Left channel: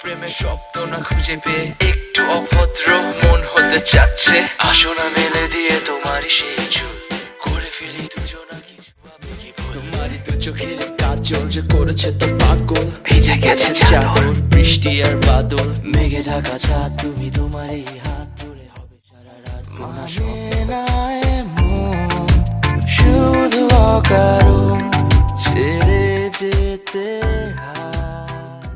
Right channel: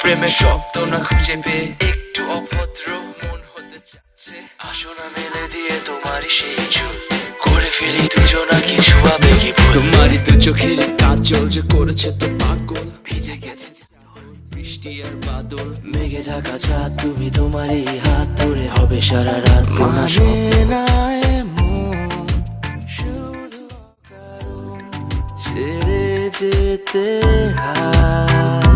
প্রেমের শব্দ না খুঁজে পেয়ে একটু অভদ্র মন হতে চাচ্ছে। আসো না মেলে দিয়ে তোমারই সেই চুল, করে ফেলি দুজনা কিছু আবেগী ভুল। তোমারই দু চোখের কাজল যে করেছে তো পাগল, ভিজে গেছে চাদর বৃষ্টি আর বাদল, মেঘে ঢাকা চাঁদ তুমি তোমারই হাত ধরে হবে সারা রাত। মানে না এমন শুধু অকারণ ছেড়ে যেতে হয়।